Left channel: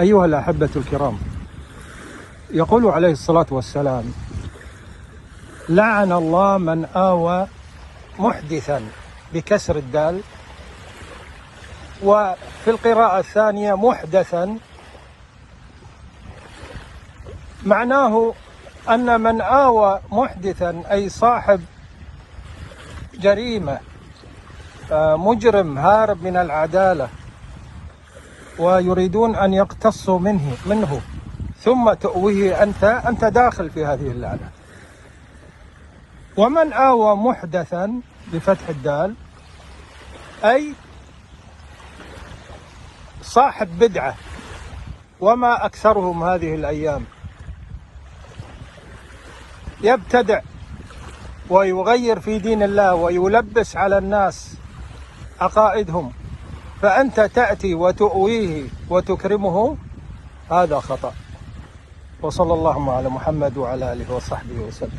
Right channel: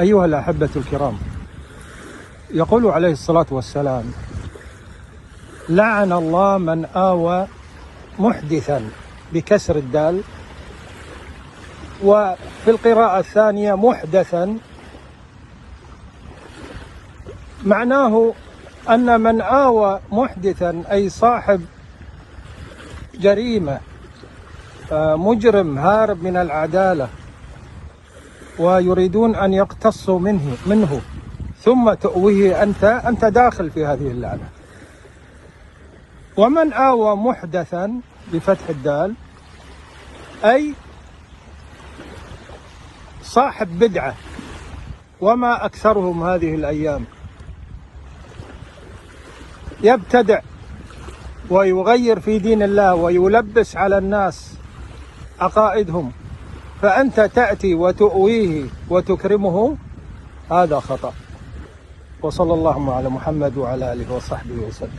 أيها الأحبة الكرام، يقول عليه الصلاة والسلام: لعن الله من آوى محدثا بكسر الدال، وفي القراءة الثانية محدثا. معناه أن من آوى محدثا أي صاحب جريمة، مجرم هارب من العدالة، ويريدون أن يقتصوا منه ثم تؤويه أنت داخل في هذه اللعنة. ومن آوى محدثا بفتح الدال أي صاحب بدعة، وما أكثرهم هذه الأيام، يبتدع ويغير في دين الله ويلبس على الناس عقائدهم، فأنت تأتي وتؤويه وتكرمه، هذا خطأ. وصلى الله على محمد وعلى آله وصحبه وسلم.